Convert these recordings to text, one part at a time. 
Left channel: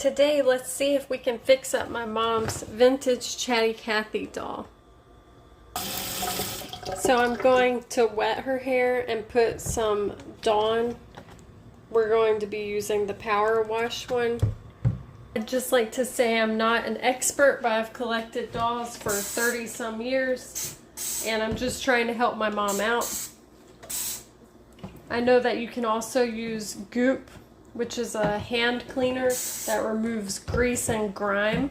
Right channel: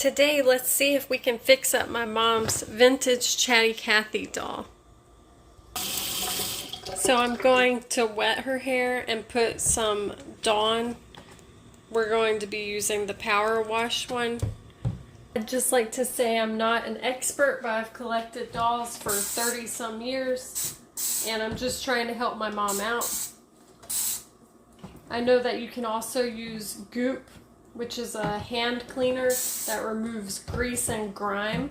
Today, let's see if we can fix up my mom's vintage Chatty Cathy doll. So I'm going to wet her hair and put some Dawn. We're going to be using the power wash one. I'd just like to say I'm not an expert, but I've collected dolls for 30 some years, and I'm just trying to help my mom out. I know that you can also use Goop, which is a hand cleaner that removes grease and grime.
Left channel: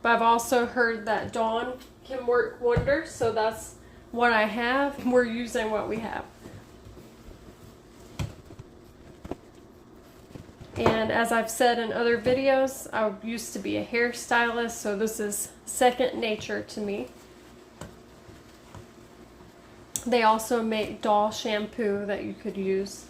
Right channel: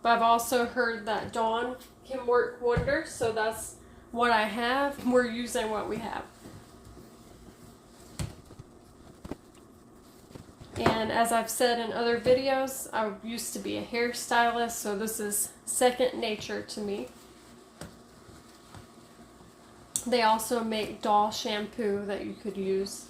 But I've also heard that Dawn can work wonders, so that's what I have. We're using what we have. And as I've said in other videos, I used to be a hairstylist, so this is second nature to me. They also make doll shampoo that you could use.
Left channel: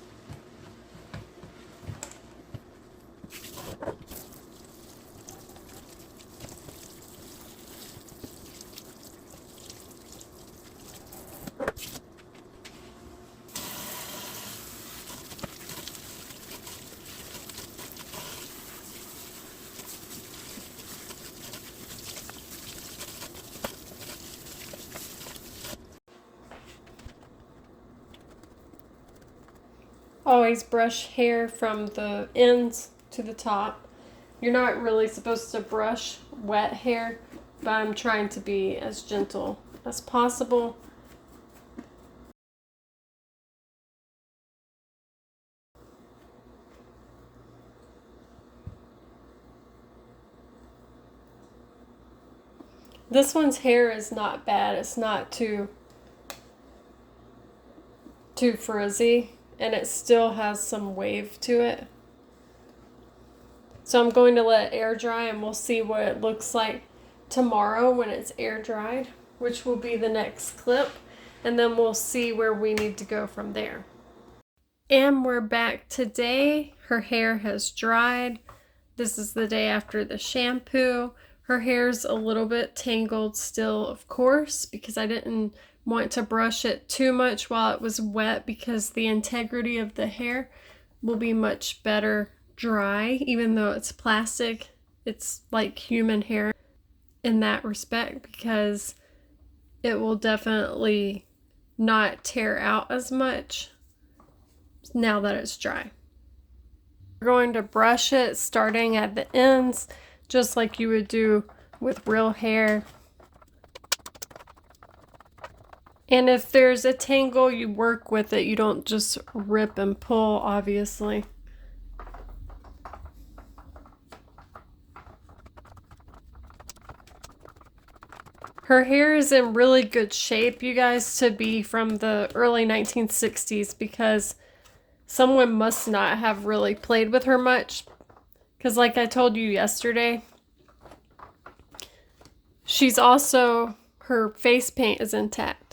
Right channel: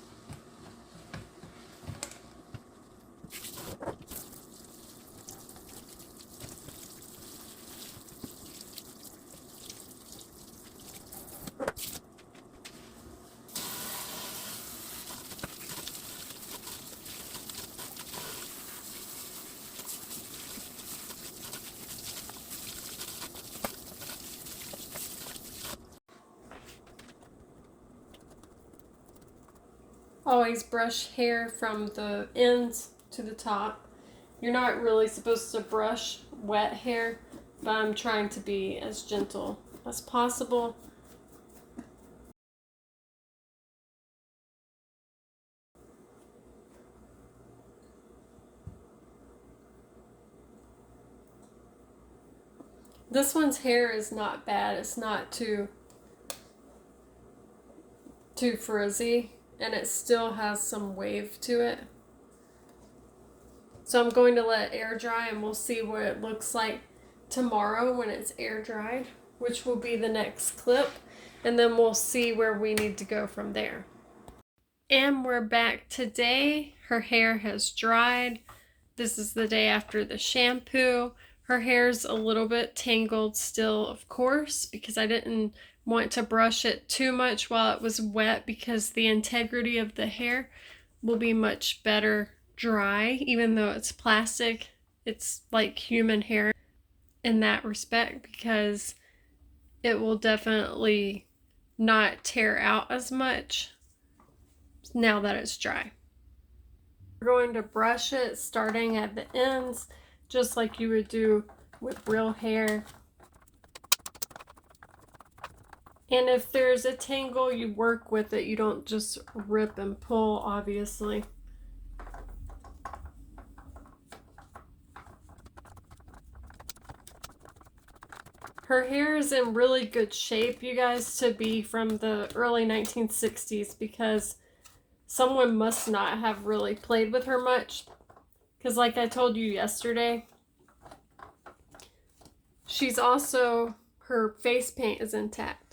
Always brush hair from the ends to the top. You're not really supposed to brush wet hair, but I'm trying to be as gentle as possible. This one's hair is not bad. It's not too frizzy, and it still has some wave to it. So I'm going to let it air dry, and we'll see what it looks like tomorrow when it's air dried, which will be the next clip, and then we'll see where we need to go from there. And we're back today. Her hair has dried. This is the day after the shampoo. Her hair's a little bit tangled still, of course, because I didn't want to brush it too much while it was wet, because the integrity of the hair will be much better dry. Even though it's plastic, it's like human hair in that respect, because it will definitely not tear out as much now that it's dry. We're going to brush it starting at the ends, just like you would do with real hair. And if there's a tangle, you work with it. You don't just rip and pull, obviously. Her hair is in really good shape, you guys, to be from the early 1960s, because someone must not have really played with her much. Because like I told you yesterday, she's also, her face paint is intact.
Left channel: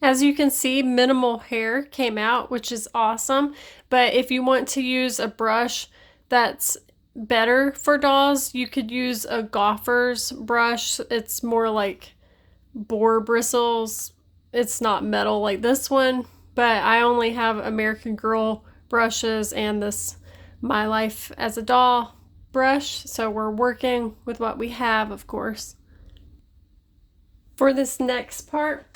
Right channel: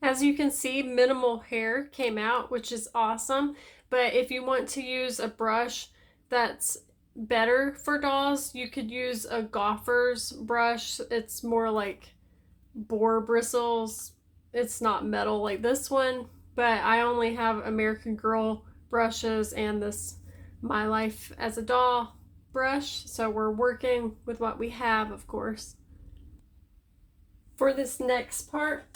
As you can see, minimal hair came out, which is awesome. But if you want to use a brush that's better for dolls, you could use a golfer's brush. It's more like boar bristles. It's not metal like this one, but I only have American Girl brushes and this My Life as a Doll brush, so we're working with what we have, of course. For this next part,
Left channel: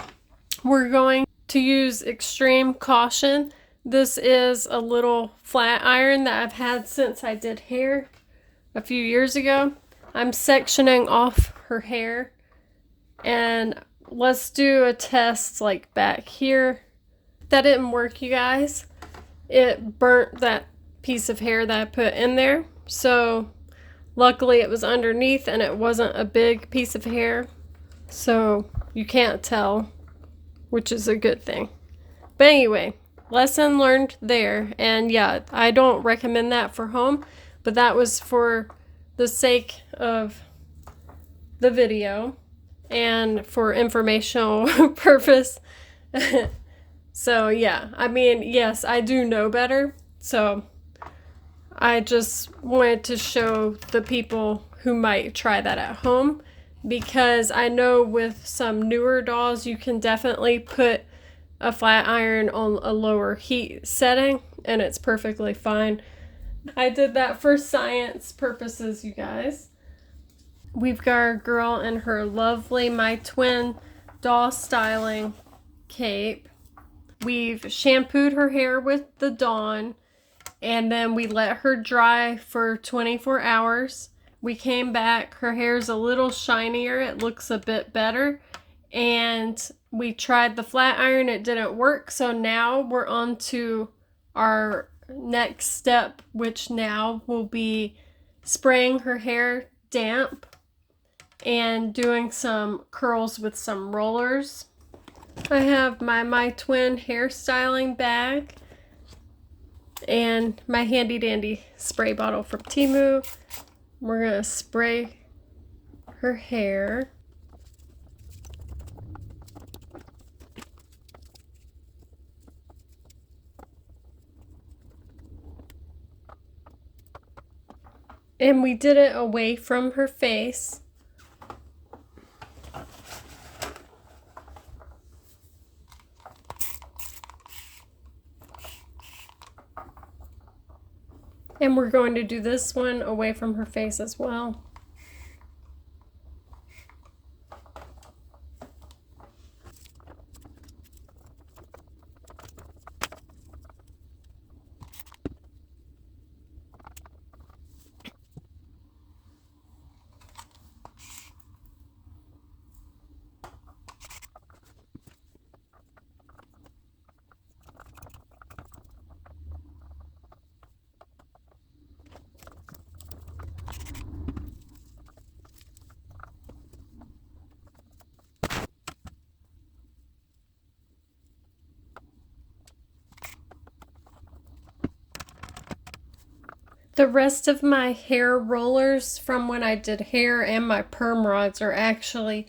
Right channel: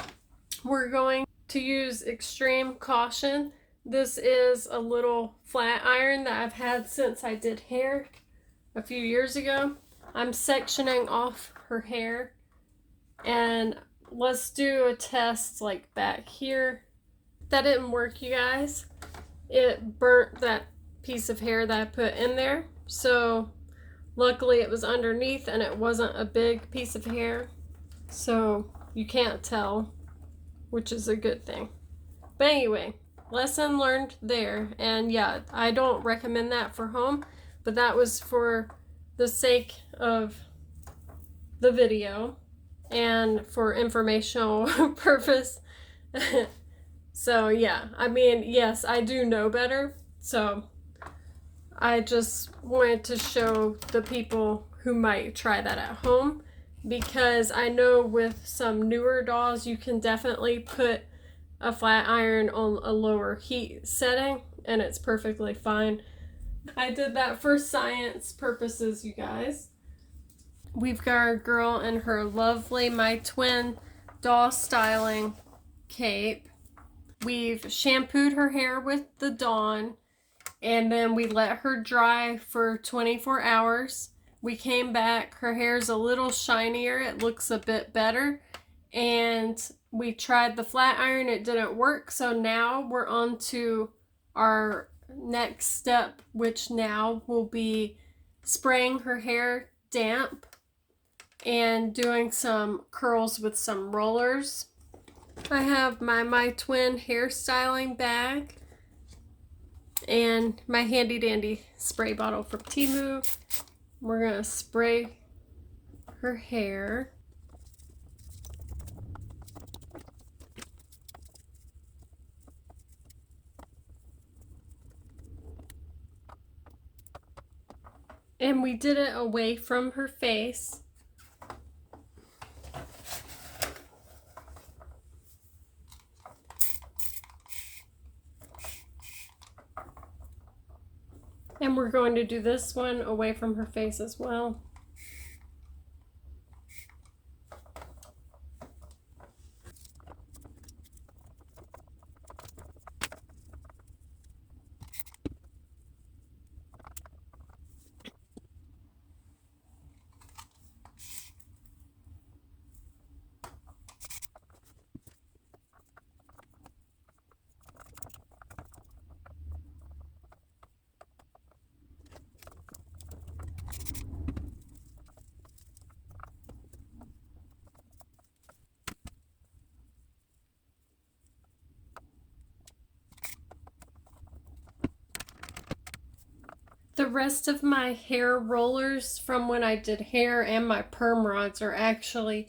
we're going to use extreme caution. This is a little flat iron that I've had since I did hair a few years ago. I'm sectioning off her hair, and let's do a test like back here. That didn't work, you guys. It burnt that piece of hair that I put in there. So luckily it was underneath and it wasn't a big piece of hair, so you can't tell, which is a good thing. But anyway, lesson learned there. And yeah, I don't recommend that for home, but that was for the sake of the video and for informational purpose. So yeah, I mean, yes, I do know better, so I just wanted to show the people who might try that at home because I know with some newer dolls you can definitely put a flat iron on a lower heat setting and it's perfectly fine. I did that for science purposes, you guys. We've got our girl in her lovely My Twin doll styling cape. We've shampooed her hair with the Dawn, and then we let her dry for 24 hours. We came back, her hair's a little shinier, it looks a bit better, and we tried the flat iron, it didn't work, so now we're on to our next step, which now will be spraying her hair damp and doing some curls with some rollers. I have my Twin hairstyling bag and my handy dandy spray bottle from Temu. We're going to spray her hair. And we did it away from her face. And we're going to do this one away from her face as well. The rest of my hair rollers from when I did hair and my perm rods are actually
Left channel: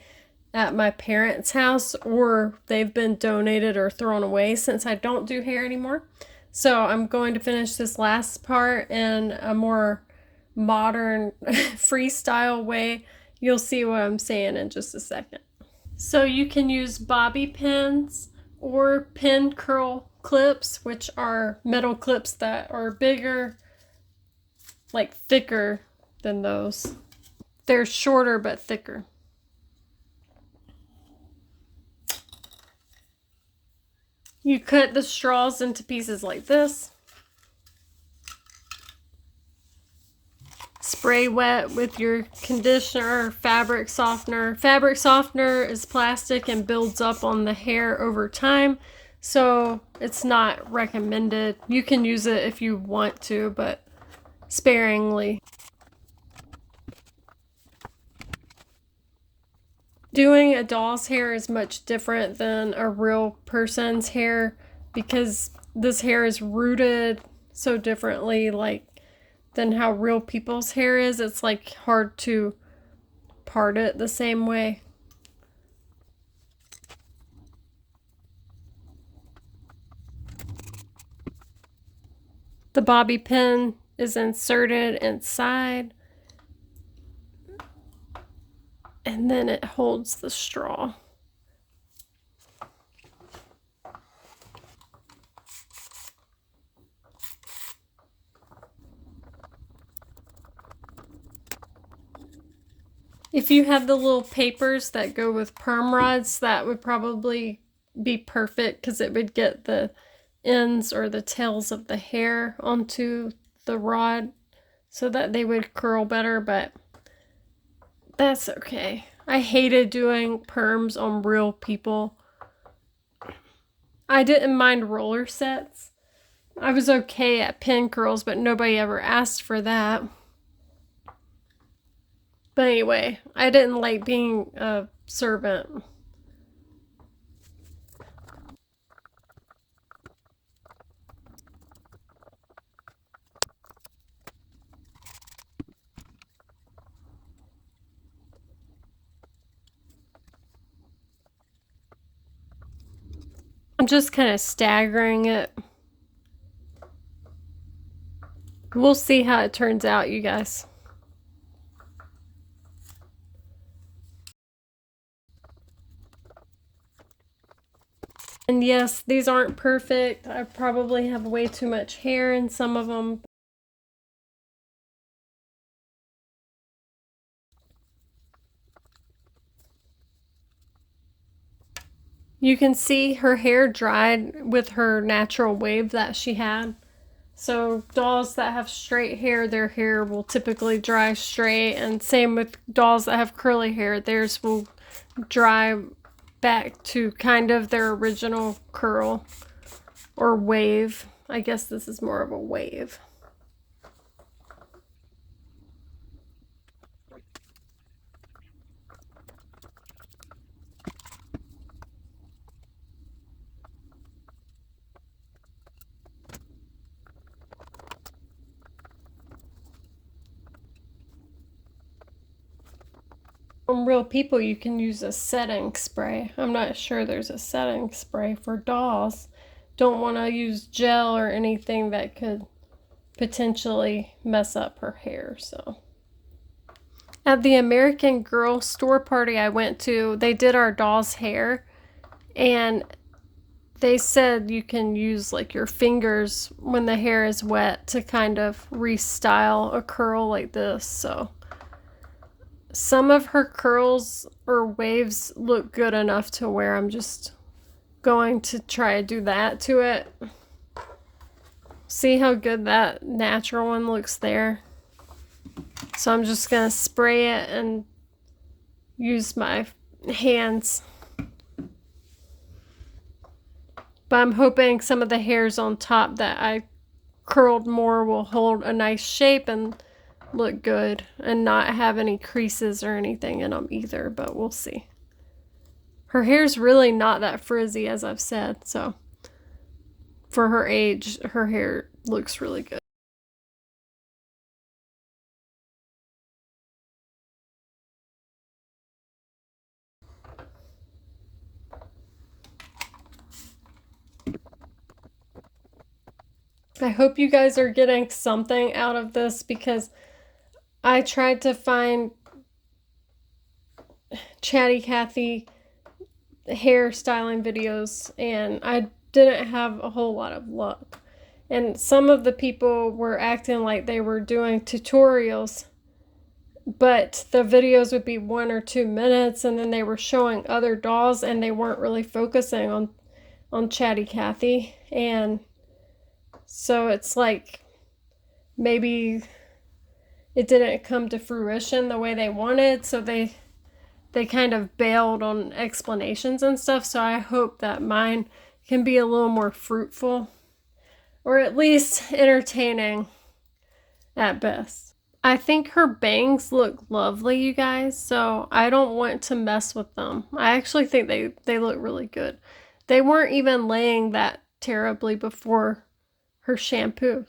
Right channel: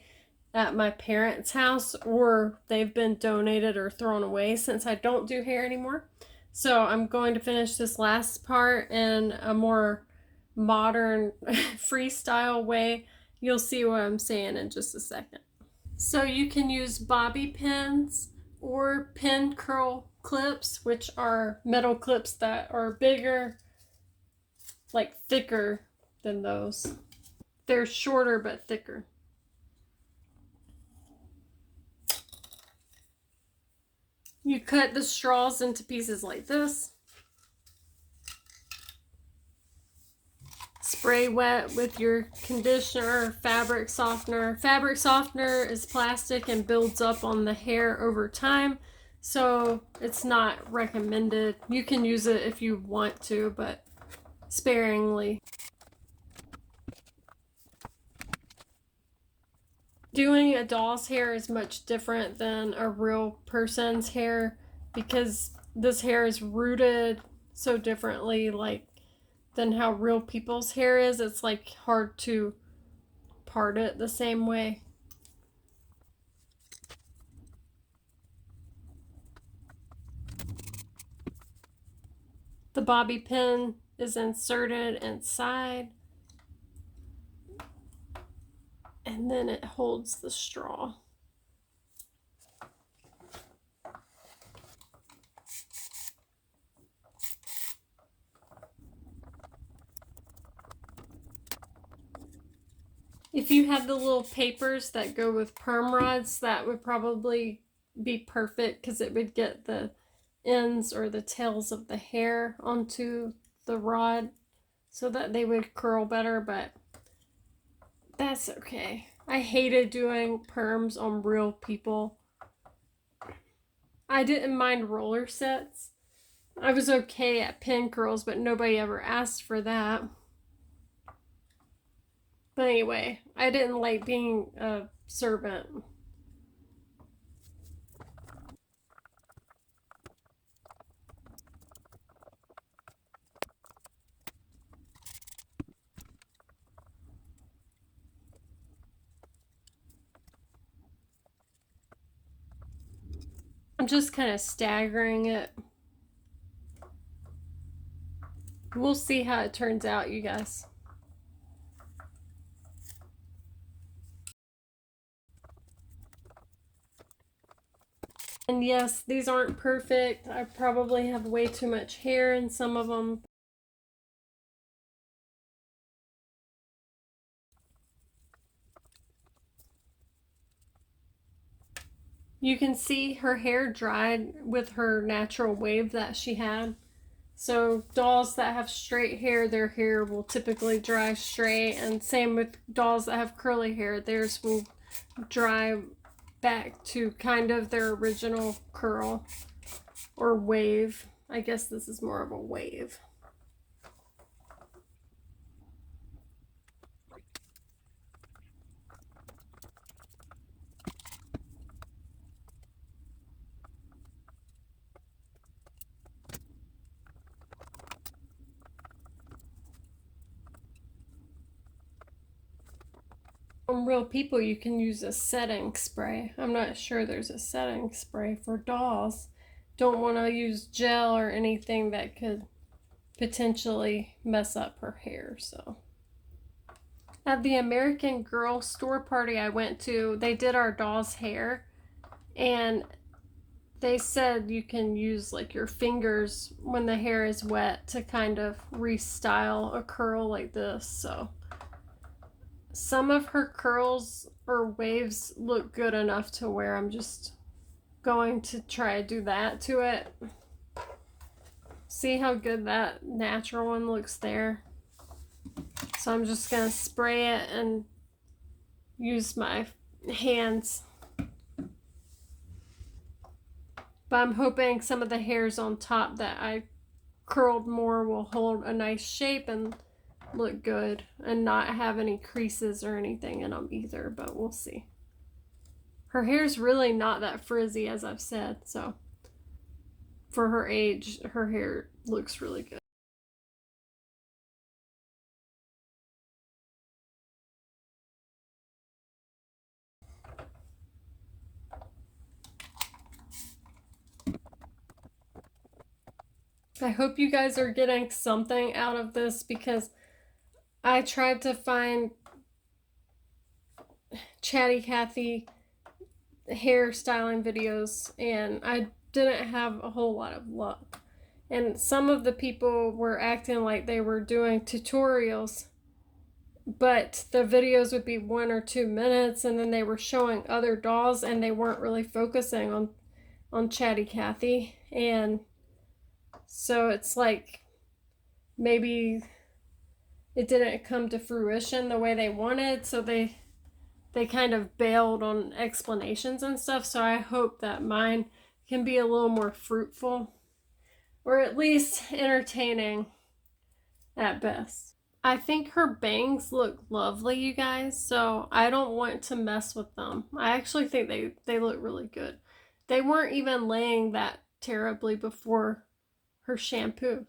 at my parents' house, or they've been donated or thrown away since I don't do hair anymore. So I'm going to finish this last part in a more modern freestyle way. You'll see what I'm saying in just a second. So you can use bobby pins or pin curl clips, which are metal clips that are bigger, like thicker than those. They're shorter but thicker. You cut the straws into pieces like this. Spray wet with your conditioner or fabric softener. Fabric softener is plastic and builds up on the hair over time, so it's not recommended. You can use it if you want to, but sparingly. Doing a doll's hair is much different than a real person's hair because this hair is rooted so differently than how real people's hair is. It's like hard to part it the same way. The bobby pin is inserted inside, and then it holds the straw. If you have the little papers that go with perm rods, that would probably be perfect because it would get the ends or the tails of the hair onto the rod so that they would curl better, but that's okay. I hated doing perms on real people. I didn't mind roller sets. I was okay at pin curls, but nobody ever asked for that. But anyway, I didn't like being a servant. I'm just kind of staggering it. We'll see how it turns out, you guys. And yes, these aren't perfect. I probably have way too much hair in some of them. You can see her hair dried with her natural wave that she had. So dolls that have straight hair, their hair will typically dry straight, and same with dolls that have curly hair, theirs will dry back to kind of their original curl or wave. I guess this is more of a wave. On Real People, you can use a setting spray. I'm not sure there's a setting spray for dolls. Don't want to use gel or anything that could potentially mess up her hair, so. At the American Girl store party I went to, they did our doll's hair, and they said you can use like your fingers when the hair is wet to kind of restyle a curl like this. So some of her curls or waves look good enough to where I'm just going to try to do that to it. See how good that natural one looks there? So I'm just gonna spray it and use my hands. But I'm hoping some of the hairs on top that I curled more will hold a nice shape and look good and not have any creases or anything in them either, but we'll see. Her hair's really not that frizzy, as I've said, so for her age, her hair looks really good. I hope you guys are getting something out of this, because I tried to find Chatty Cathy hairstyling videos and I didn't have a whole lot of luck. And some of the people were acting like they were doing tutorials, but the videos would be 1 or 2 minutes, and then they were showing other dolls and they weren't really focusing on Chatty Cathy. And so it's like maybe it didn't come to fruition the way they wanted, so they kind of bailed on explanations and stuff. So I hope that mine can be a little more fruitful, or at least entertaining at best. I think her bangs look lovely, you guys, so I don't want to mess with them. I actually think they look really good. They weren't even laying that terribly before her shampoo.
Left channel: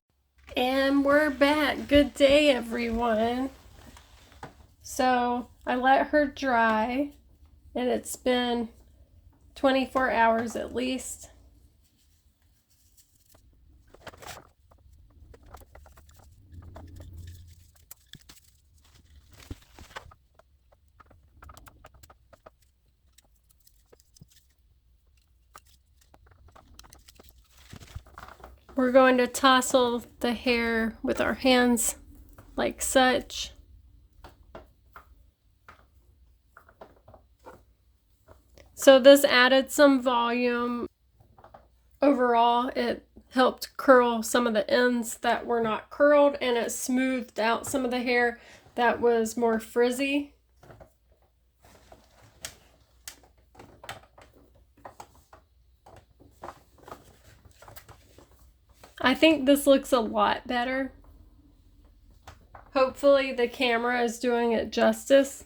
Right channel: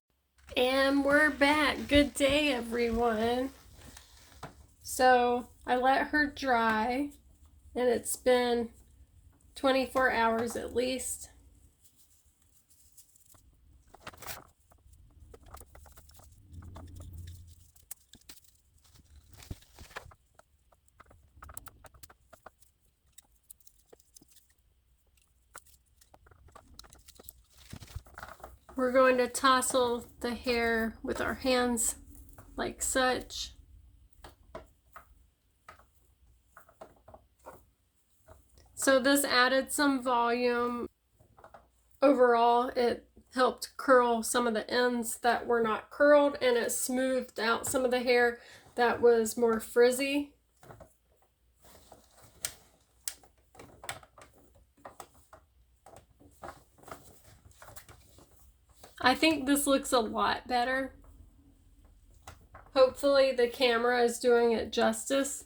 And we're back. Good day, everyone. So I let her dry, and it's been 24 hours at least. We're going to tousle the hair with our hands like such. So this added some volume. Overall, it helped curl some of the ends that were not curled, and it smoothed out some of the hair that was more frizzy. I think this looks a lot better. Hopefully the camera is doing it justice.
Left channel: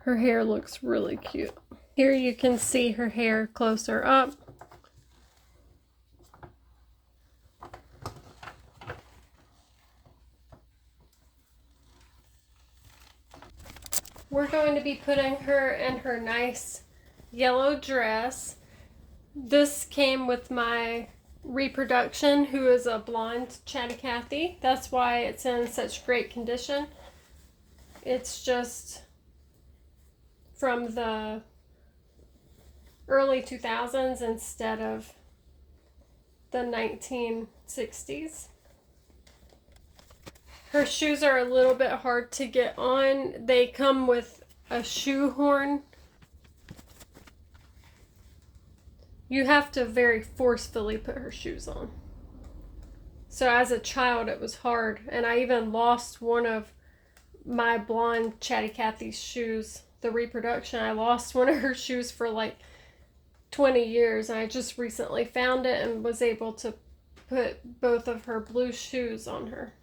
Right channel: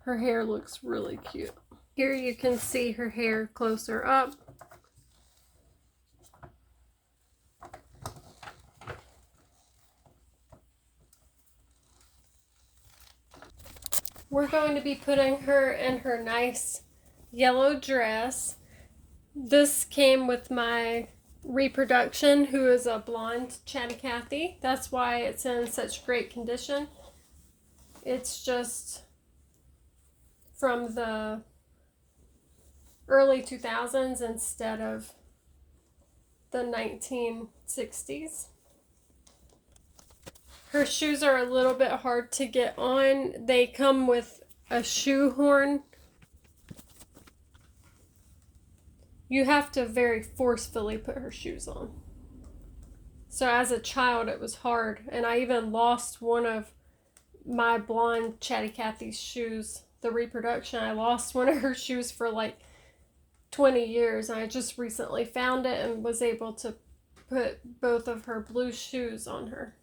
Her hair looks really cute. Here you can see her hair closer up. We're going to be putting her in her nice yellow dress. This came with my reproduction, who is a blonde Chatty Cathy. That's why it's in such great condition. It's just from the early 2000s instead of the 1960s. Her shoes are a little bit hard to get on. They come with a shoe horn. You have to very forcefully put her shoes on. So as a child, it was hard. And I even lost one of my blonde Chatty Cathy's shoes, the reproduction. I lost one of her shoes for like 20 years. And I just recently found it and was able to put both of her blue shoes on her.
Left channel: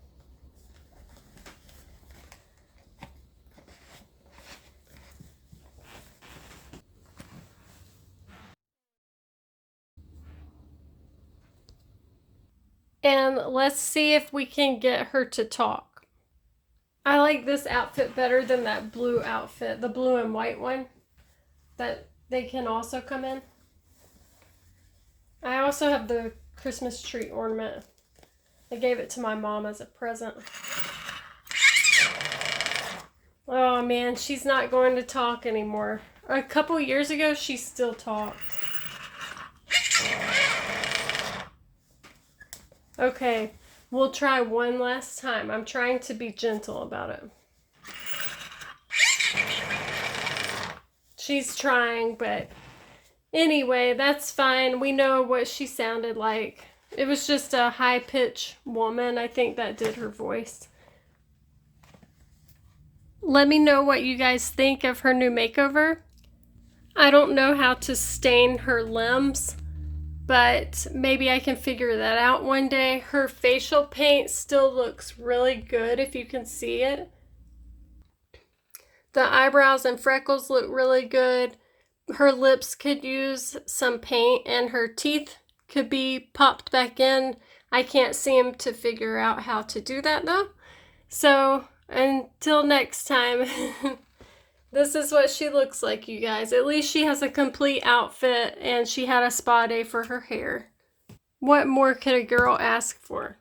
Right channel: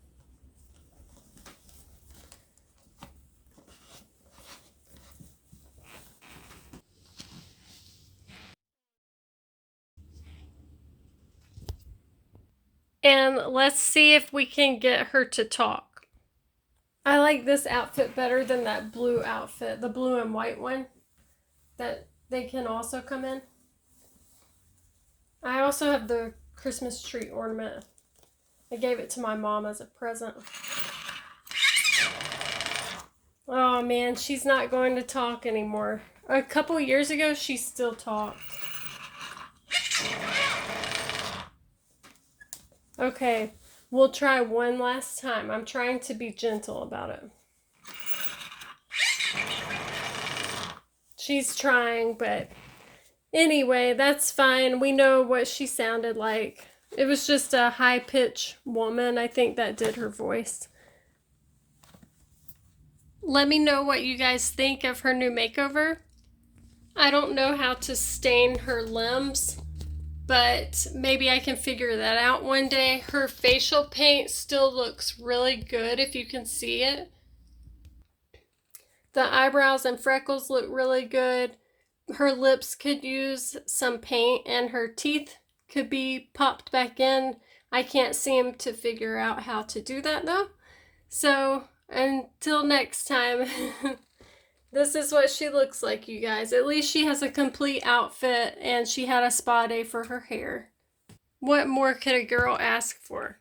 And let's see if we can get her to talk. I like this outfit better than that blue outfit, the blue and white one that they can also come in. I also have the Christmas tree ornament. I gave it to my mom as a present. Oh man, she's not going to talk anymore. A couple years ago, she still talked. Okay, we'll try one last time. I'm trying to be gentle about it. She's trying, but anyway, that's fine. We know what she sounded like. It was just a high-pitched woman, I think, that did her voice. Let me know what you guys think of her new makeover. I don't know how to stain her limbs, but maybe I can figure that out one day. Her facial paint still looks really good if you can see it. The eyebrows and freckles look really good. Her lips could use some paint and her teeth could be popped back in. I can't seem to figure out how to do that though. So until next time, this is what she looks like, you guys. At least she has a complete outfit and she had a spa day for her hair. What more could a girl ask for?